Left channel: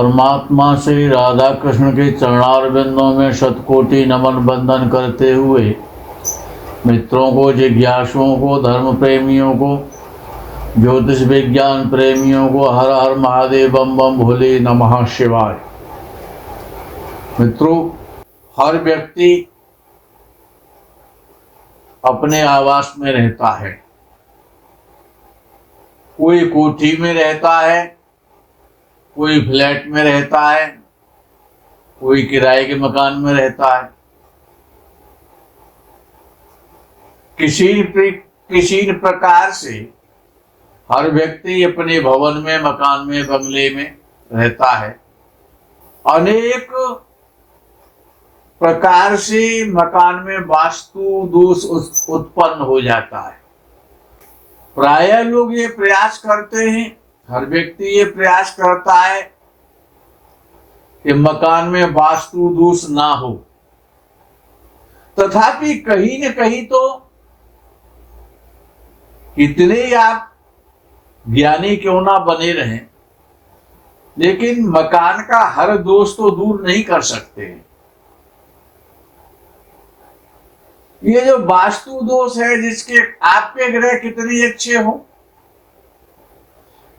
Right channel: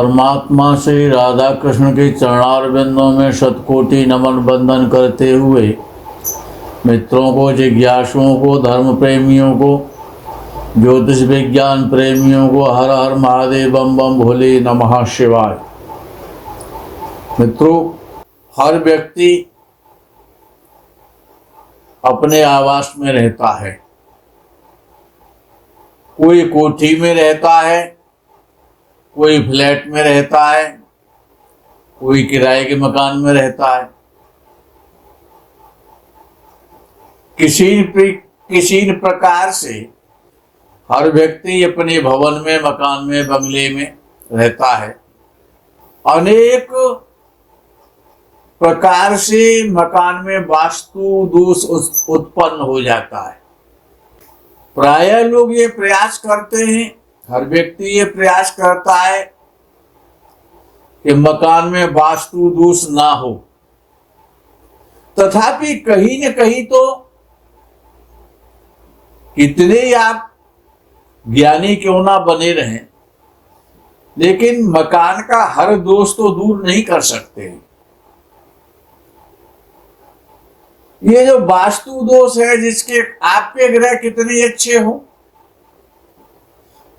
परमात्मा श्री राधा कृष्ण के चरणारविंदों में शतकोटि नमन बंदन करते हुए मित्रों को, जिज्ञासुओं को, धर्म प्रेमियों को, ज्योतिष विज्ञान प्रेमियों को हर हर महादेव बम बम भोले नमः शिवाय। मित्रों, हर व्यक्ति अपने आवास में रहता है। कोई कोठी में रहता है, कोई फ्लैट में रहता है, कोई किराए के मकान में रहता है। किसी प्रकार से हर व्यक्ति अपने भवन में, मकान में, बंगले में रहता है। अनेक प्रकार से मकान में वास्तु दोष उत्पन्न हो जाता है। प्रायः लोग ये प्रयास करते हैं, हर व्यक्ति ये प्रयास करता है कि मकान में वास्तु दोष ना हो। तथापि कहीं न कहीं तो कितने ही आप ज्ञानी क्यों ना बने रहें, लेकिन मकान का हर दोष तो दूर नहीं कर सकते हैं। ये जो वास्तु दोष है, जिसके आपके ग्रह कितने अच्छे हो,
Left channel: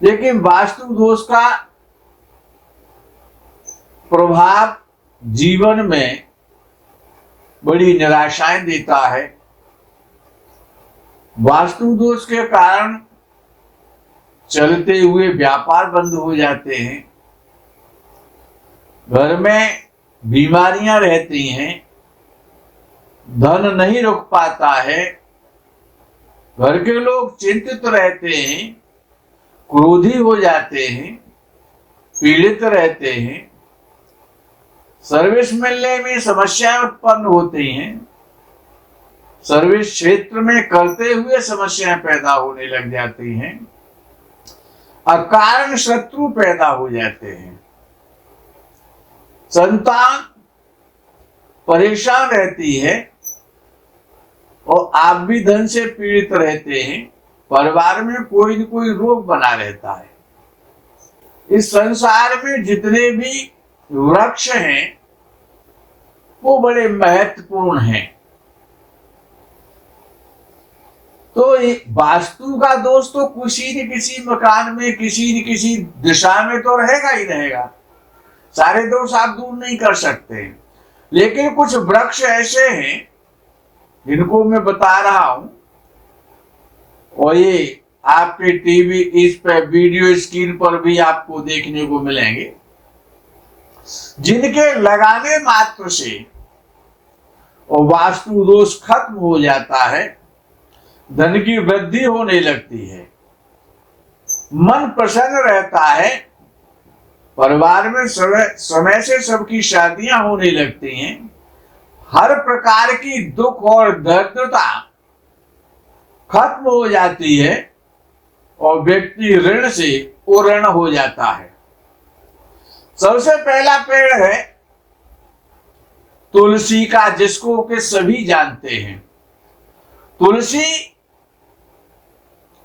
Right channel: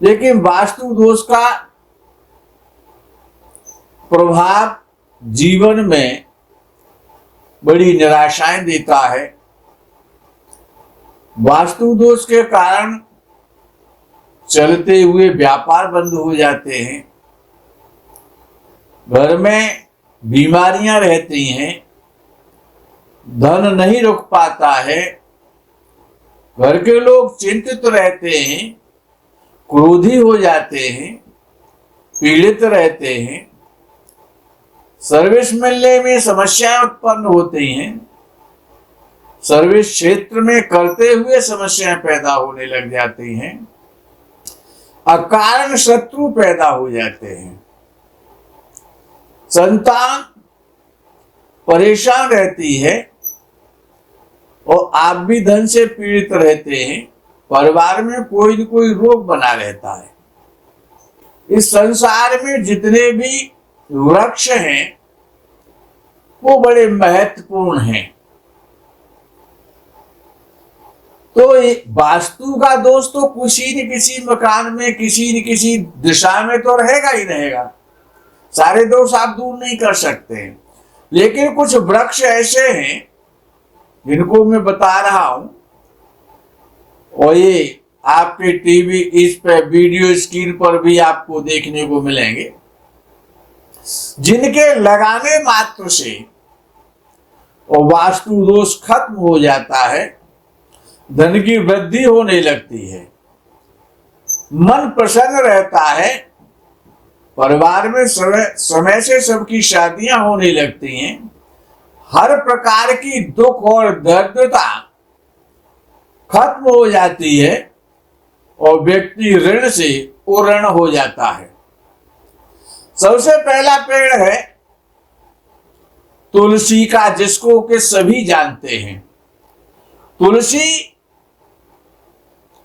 लेकिन वास्तु दोष का प्रभाव जीवन में बड़ी निराशाएं देता है। वास्तु दोष के कारण चलते हुए व्यापार बंद हो जाते हैं, घर में बीमारियां रहती हैं, धन नहीं रुक पाता है, घर के लोग चिंतित रहते हैं, क्रोधी हो जाते हैं, पीड़ित रहते हैं, सर्विस मिलने में समस्याएं उत्पन्न होती हैं, सर्विस क्षेत्र में करते हुए समस्याएं पैदा होने लग जाती हैं, अकारण शत्रु पैदा हो जाते हैं, संतान परेशान रहती है और आप भी धन से पीड़ित रहते हैं। परिवार में कोई न कोई रोग बना रहता है। इस संसार में जितने भी वृक्ष हैं वो बड़े महत्वपूर्ण हैं। तो वास्तु का दोष तो किसी न किसी मकान में, किसी न किसी दिशा में तो रहेगा ही रहेगा। सारे दोष आप दूर नहीं कर सकते, लेकिन कुछ वृक्ष ऐसे हैं जिनको मैं बता रहा हूं, और ये आपके टीवी, इस पर वीडियो स्क्रीन पर भी आपको देखने को मिलेंगे, जिनके लगाने मात्र से और वास्तु दोष खत्म हो जाता है, धन की वृद्धि होने लगती है, मन प्रसन्न रहता है, परिवार में समय से सबकी शादियां होने लगती हैं, हर प्रकार की दुख और दरिद्रता खत्म हो जाती है और व्यक्ति ऋण से उऋण हो जाता है। सबसे पहला पेड़ है तुलसी का, जिसको कि सभी जानते हैं। तुलसी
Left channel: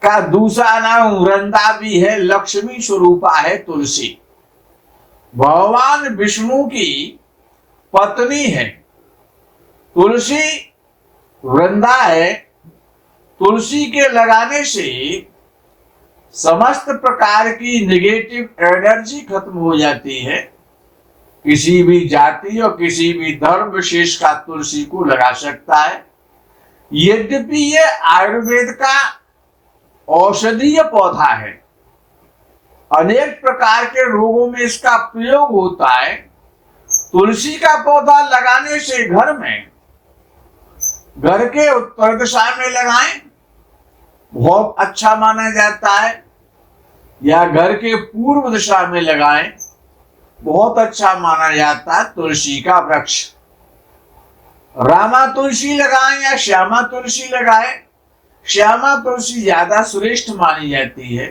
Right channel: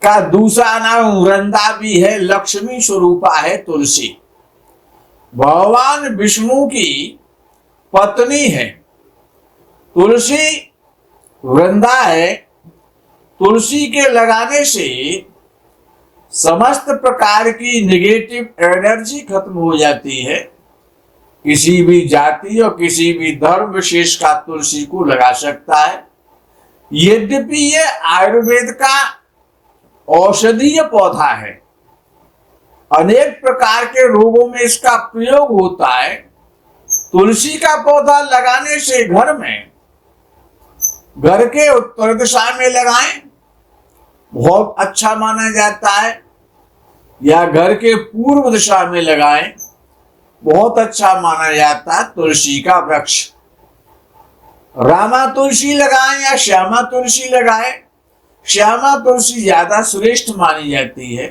का दूसरा नाम वृंदा भी है, लक्ष्मी स्वरूपा है तुलसी। भगवान विष्णु की पत्नी है। तुलसी वृंदा है। तुलसी के लगाने से समस्त प्रकार की नेगेटिव एनर्जी खत्म हो जाती है। किसी भी जाति और किसी भी धर्म विशेष का तुलसी को लगा सकता है। यद्यपि यह आयुर्वेद का औषधीय पौधा है, अनेक प्रकार के रोगों में इसका प्रयोग होता है। तुलसी का पौधा लगाने से घर के उत्तर दिशा में लगाएं, बहुत अच्छा माना जाता है, या घर के पूर्व दिशा में लगाएं, बहुत अच्छा माना जाता है। तुलसी का वृक्ष, रामा तुलसी लगाएं या श्यामा तुलसी लगाएं, श्यामा तुलसी ज्यादा श्रेष्ठ मानी जाती है।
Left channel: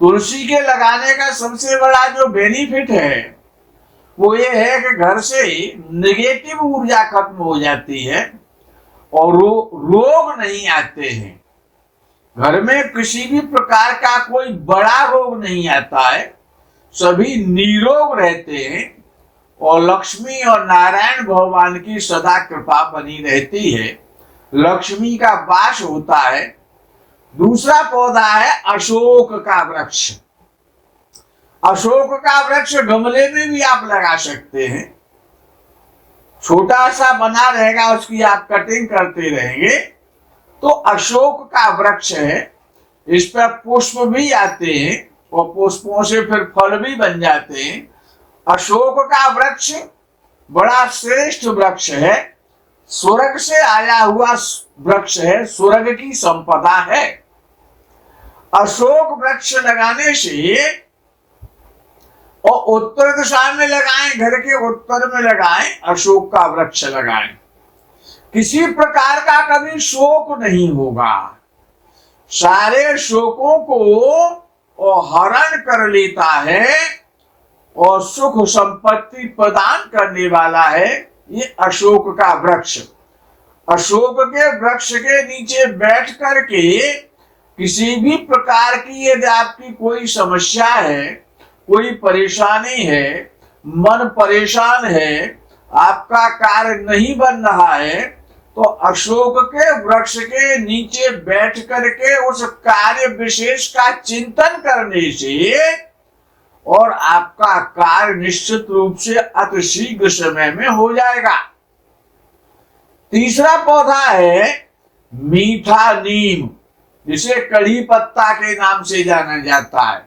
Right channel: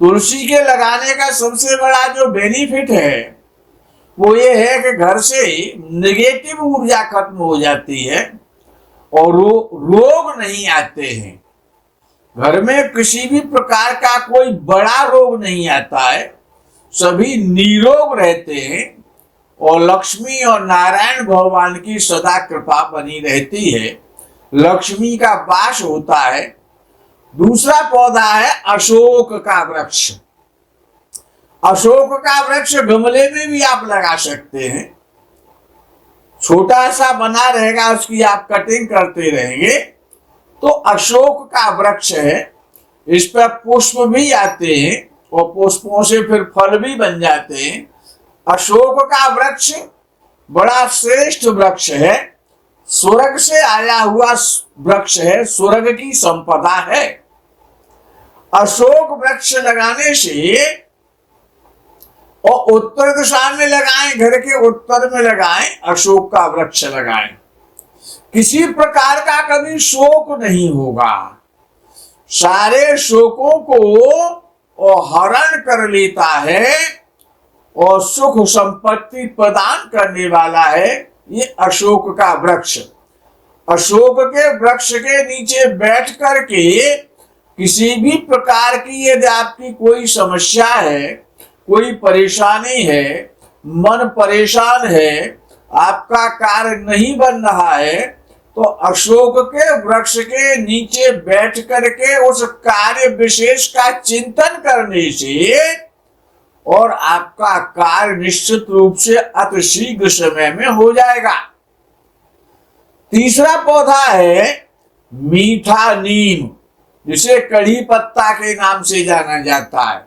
तुलसी के लगाने का सबसे बड़ा जो बेनिफिट है वो ये है कि घर से नेगेटिव ऊर्जा खत्म हो जाती है और रोग नहीं आते हैं। घर में किसी भी प्रकार का कोई बड़ा रोग नहीं आता है। सभी निरोग रहते हैं और लक्ष्मी और नारायण भगवान की सदा कृपा बनी रहती है, लक्ष्मी का वास होता है। दूसरा पौधा है अशोक का वृक्ष। अशोक का वृक्ष गमले में भी आप लगा सकते हैं, छोटा सा बना रहेगा, उसकी आप कटिंग करते रहेंगे तो अशोक का वृक्ष है। इस पर पुष्प भी आते हैं और पुष्पों से फिर फल भी बन जाते हैं। अशोक का वृक्ष बड़ा श्रेष्ठ वृक्ष है, स्वर्ग से आया हुआ वृक्ष है, स्वर्ग की संपदा है। अशोक वृक्ष लगाने से, और उत्तर दिशा में लगाएं, घर के उत्तर में लगाएं, अशोक का वृक्ष लगाएं, किसी प्रकार का कभी शोक नहीं होगा। सारे शोकों को हरण कर लेता है और सुख संपत्ति प्रदान करने वाला है ये अशोक का वृक्ष। अशोक के वृक्ष के नीचे बैठ करके किसी भी प्रकार की यदि आपकी कोई समस्या है, कोई परेशानी है, मन परेशान है, आपका कार्य नहीं बन रहा है, तो अशोक के वृक्ष के नीचे बैठ करके उस कार्य विशेष का चिंतन करने से और आपका कार्य निश्चित रूप से अति शीघ्र समय में हो जाएगा। तीसरा पौधा है मीठा नीम, जिसे कढ़ी पत्ता के नाम से जाना जाता है।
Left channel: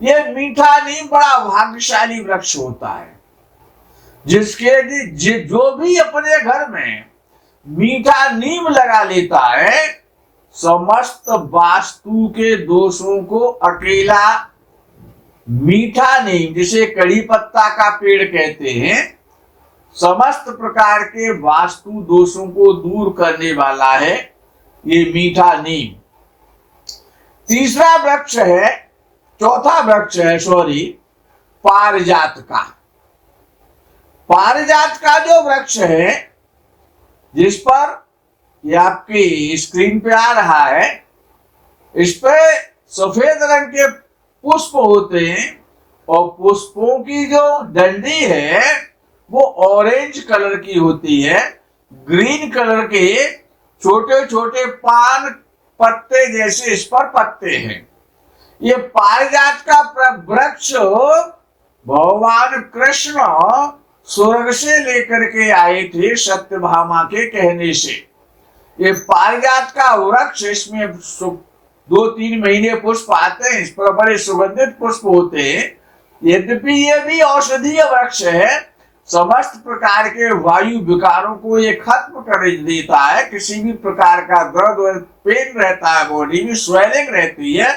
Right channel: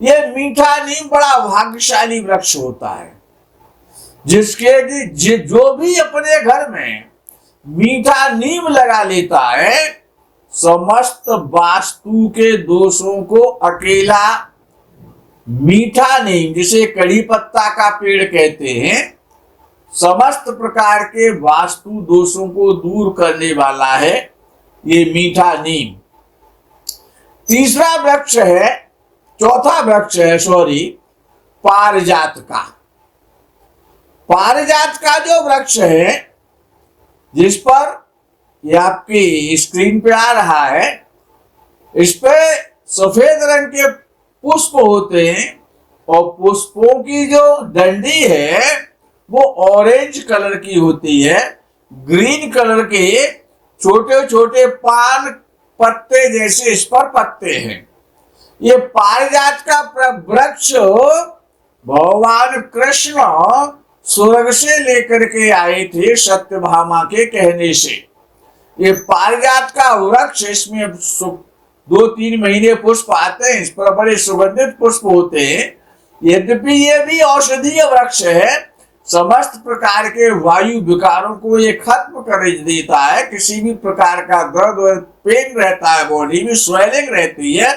यह मीठा नीम बड़ा भाग्यशाली वृक्ष होता है, जिसके जो भी अपने घर में मीठा नीम लगा लेता है, समस्त वास्तु के दोषों को अकेला मीठा नीम, जिसे कढ़ी पत्ता का पेड़ कहते हैं, समस्त प्रकार के वास्तु दोषों को दूर करने वाला है ये मीठा नीम। तीसरा वृक्ष है, चौथा वृक्ष है पारिजात का। पारिजात का जो वृक्ष है, जिस पर ये आपकी स्क्रीन पे आ रहा है, इस पे सफेद रंग के पुष्प होते हैं और पुष्पों की जो डंडी है वो ऑरेंज कलर की होती है। ग्रीन कलर के छोटे छोटे पान पत्ते जैसे इस पर पत्ते हैं। ये पारिजात का वृक्ष भगवान कृष्ण स्वर्ग से लेकर के आए थे सत्यभामा के कहने से। ये पारिजात का वृक्ष, इसमें 2-3 महीने पुष्प आते हैं, इस पर बड़े सुगंधित पुष्प होते हैं। यद्यपि ये भी औषधीय वृक्ष है, समस्त प्रकार के वायु विकारों को ये खत्म कर देता है। किसी भी प्रकार का दर्द पेन रहता है, बॉडी में स्वेलिंग रहती है,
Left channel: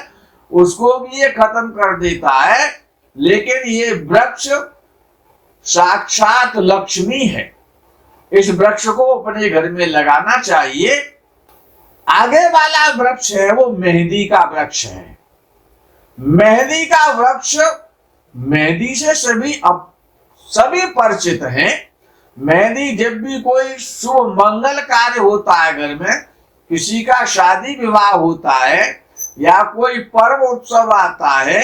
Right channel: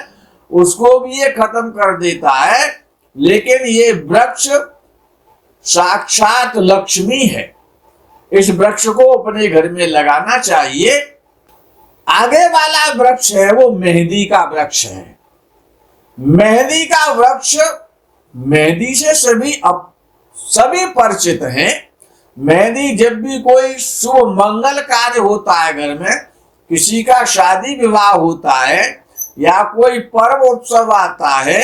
उसको भी ये खत्म कर देता है। लेकिन ये वृक्ष साक्षात लक्ष्मी है, इस वृक्ष को अपने घर में लगाना चाहिए। आगे वाला वृक्ष है वो मेहंदी का वृक्ष है। मेहंदी का वृक्ष, मेहंदी से सभी परिचित हैं। मेहंदी जब भी कोई शुभ मंगल कार्य होता है, घर में किसी का शादी विवाह होता है या कोई पर्व उत्सव आता है,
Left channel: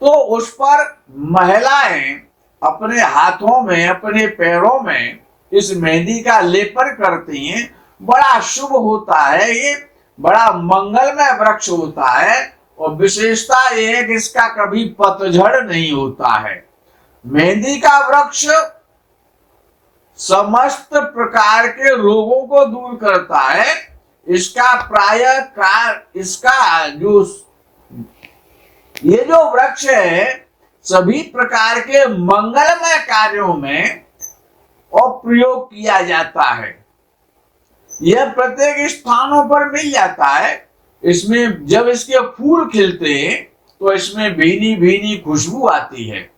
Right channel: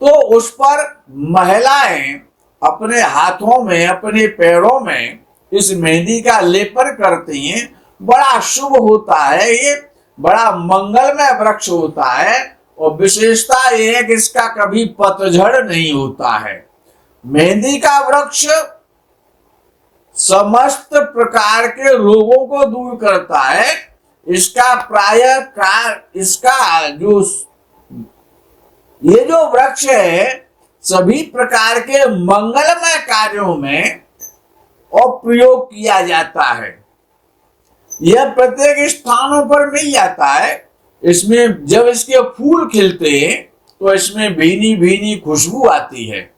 तो उस पर महिलाएं अपने हाथों में, अपने पैरों में इस मेहंदी का लेपन करती हैं। बड़ा शुभ होता है, ये बड़ा मंगलमय वृक्ष होता है और विशेषता ये है कि इसका कभी पतझड़ नहीं होता है। मेहंदी का वृक्ष समस्त प्रकार के रोगों को दूर करता है। इसका ये जो वृक्ष है सभी प्रकार के मंगलमय कार्यों में और प्रयोग किया जाता है। यह प्रत्येक स्थानों पर मिल जाता है। इसमें जब इसके फूल खिलते हैं तो इसमें भीनी भीनी खुशबू आती है।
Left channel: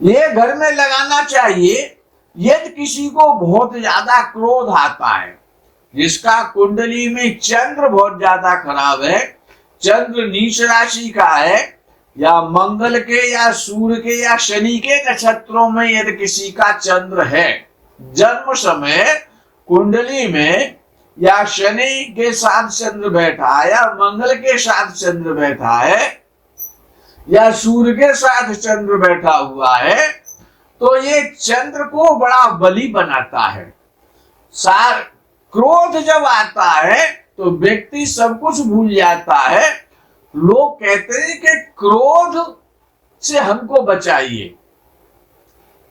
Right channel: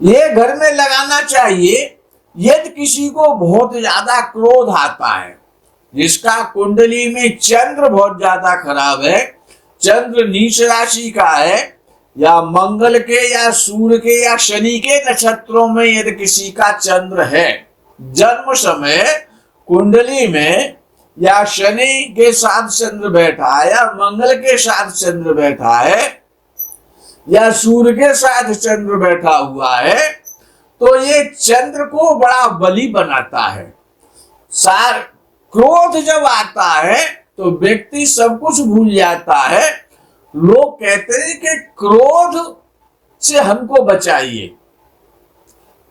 ये घर में लगाना चाहिए। यदि किसी को बहुत ज्यादा क्रोध आता है, जिसका कुंडली में चंद्र बहुत ज्यादा खराब है, चंद्र नीच राशि का है, या मंगल के या सूर्य के या शनि के नक्षत्रों में यदि किसी का चंद्र है, जन्म समय कुंडली में या शनि के साथ चंद्र बैठा है या मंगल के साथ चंद्र बैठा है, या सूर्य के साथ चंद्र बैठा हुआ है तो ये चंद्र को बड़ा बली बनाता है। सार क्रोध जब आता है तो व्यक्ति सब कुछ भूल जाता है। लोग कहते हैं कि क्रोध से हमको बचाइए।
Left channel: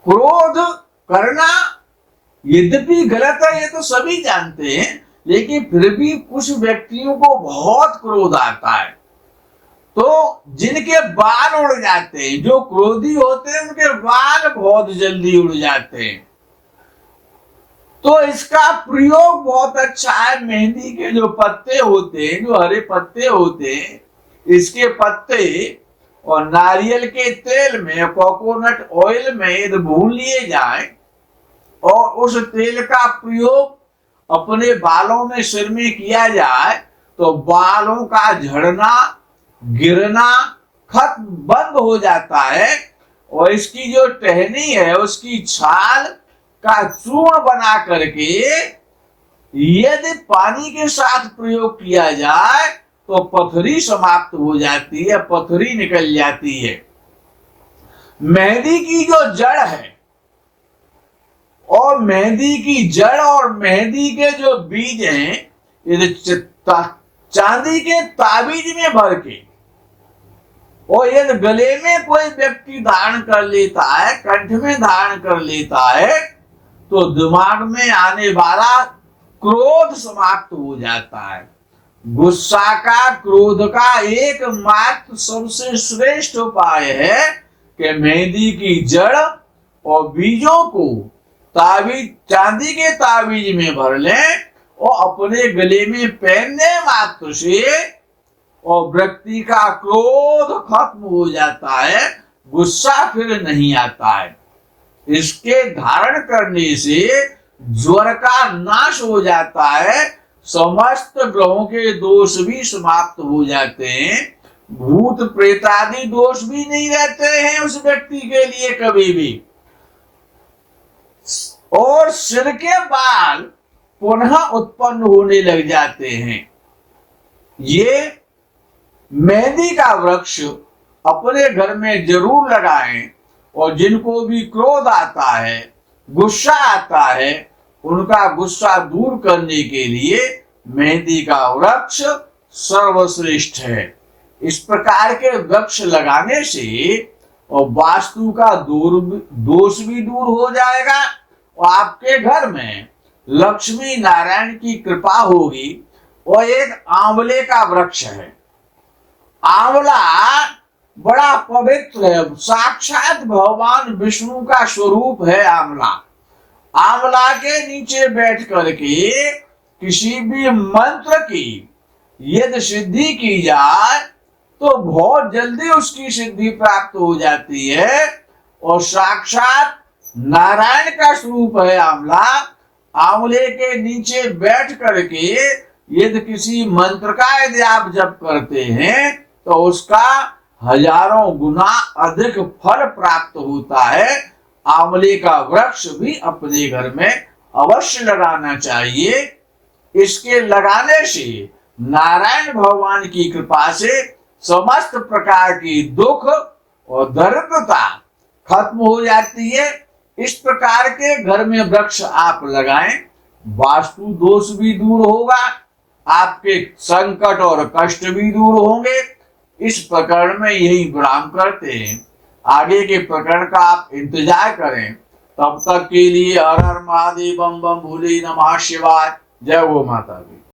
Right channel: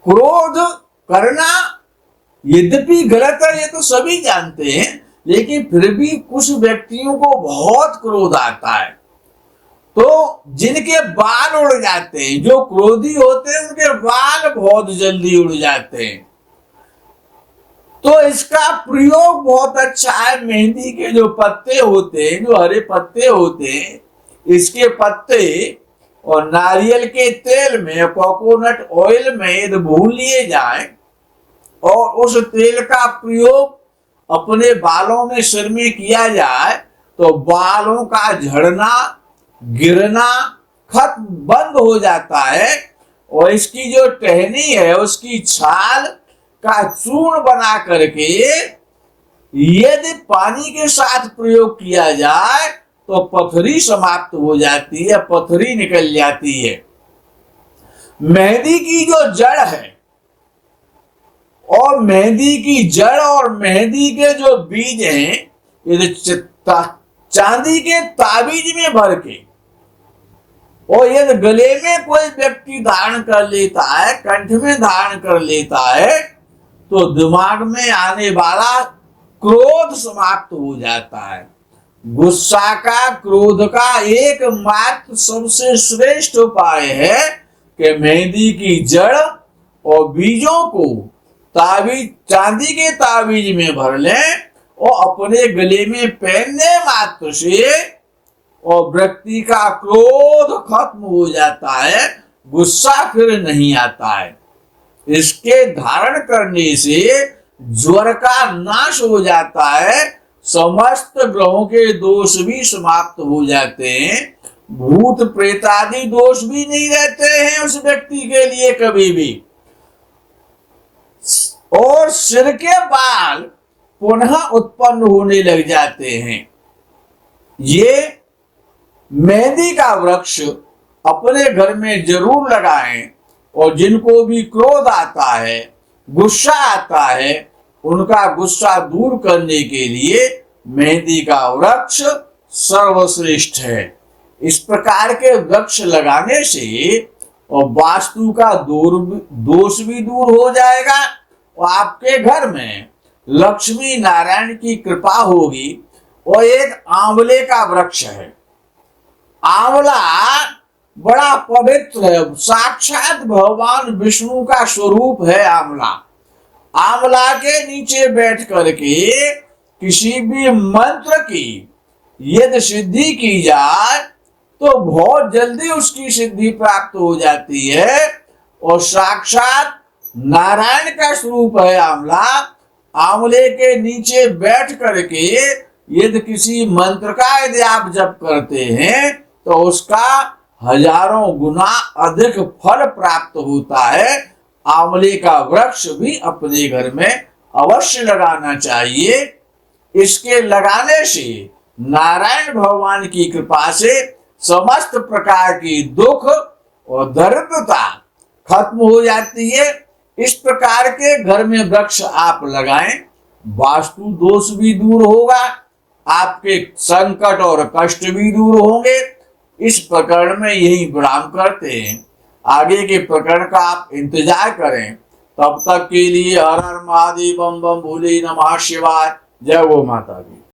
क्रोध करना यद्यपि गलत है, ये तो सभी जानते हैं, लेकिन फिर भी कुछ व्यक्तियों को बहुत क्रोध आता है तो जिनके बाल उड़ जाते हैं, जो क्रोधी होते हैं उनके बाल बहुत जल्दी उड़ जाते हैं। तो इसका प्रयोग बहुत अच्छा है। मेहंदी के जो पत्ते होते हैं, जो हरे पत्ते होते हैं, इसके पत्ते और नारियल के तेल में, कोकोनट ऑयल में यदि भून लिए जाए और उस तेल का प्रयोग अपने बालों में, सिर में किया जाए तो बालों का झड़ना, गिरना खत्म, बंद हो जाता है। और इसकी जो टहनी है उसकी छाल का चूर्ण बना करके यदि पानी के साथ प्रयोग किया जाए तो पथरी समाप्त हो जाती है, पथरी निकल जाती है। मेहंदी की जो जड़ है और मेहंदी की जड़ और मेहंदी के जो बीज हैं, यदि चांदी के ताबीज में भर के और यदि गले में कोई व्यक्ति धारण कर लेता है, कंठ में धारण कर लेता है, तो दिमाग में आने वाला क्रोध समाप्त हो जाता है। गुस्सा का, क्रोध का एकमात्र सबसे श्रेष्ठ उपाय है कि मेहंदी की जड़ और बीजों को ताबीज, चांदी के ताबीज में भर लें और अपने गले में पहनने मात्र से और व्यक्ति का क्रोध खत्म हो जाता है, गुस्सा फिर नहीं आता है। इसके धारण करने से ज्वर का नाश हो जाता है, समस्त ग्रहों के दोष भी समाप्त हो जाते हैं, भूत प्रेत आदि दोष भी नहीं रहते हैं उस व्यक्ति के लिए कभी भी। और सिर के बाल पुनः उत्पन्न होने लग जाते हैं। ये मेहंदी का वृक्ष अपने घर में जरूर लगाएं और जिनको भी क्रोध आता है, गुस्सा आता है, उनका गुस्सा दूर करने के लिए मेहंदी का वृक्ष सर्वश्रेष्ठ है। इस प्रकार के वृक्ष लगाने से और वास्तु का दोष भी दूर हो जाएगा और आपके घर में लक्ष्मी नारायण की कृपा होगी। और एक आंवले का वृक्ष है। आंवला बड़ा पवित्र है, साक्षात भगवान विष्णु का स्वरूप है आंवला। आंवला के नीचे बैठ करके किसी भी मंत्र की यदि सिद्धि की जाए तो बहुत जल्दी उसकी सिद्धि प्राप्त हो जाती है। और साक्षात नारायण का स्वरूप है आंवला। आंवले के नीचे बैठ करके यदि किसी मंत्र का यदि आप जप करते हैं तो उसका हजारों गुना अधिक फल प्राप्त होता है। आंवले का वृक्ष भी अपने घर में अवश्य लगाना चाहिए। इसके लगाने से नारायण भगवान की कृपा से समस्त प्रकार की दुख और दरिद्रता खत्म हो जाती है। इस प्रकार के घर में वृक्ष आप लगाएं, वास्तु दोष भी दूर होगा, आपके संकट और कष्ट भी दूर होंगे। इस प्रकरण में यही विराम करते हैं। आगे के प्रकरण का आप इंतजार करें। तब तक के लिए हर हर महादेव, बम बम भोले नमः शिवाय। जय गो माता दी।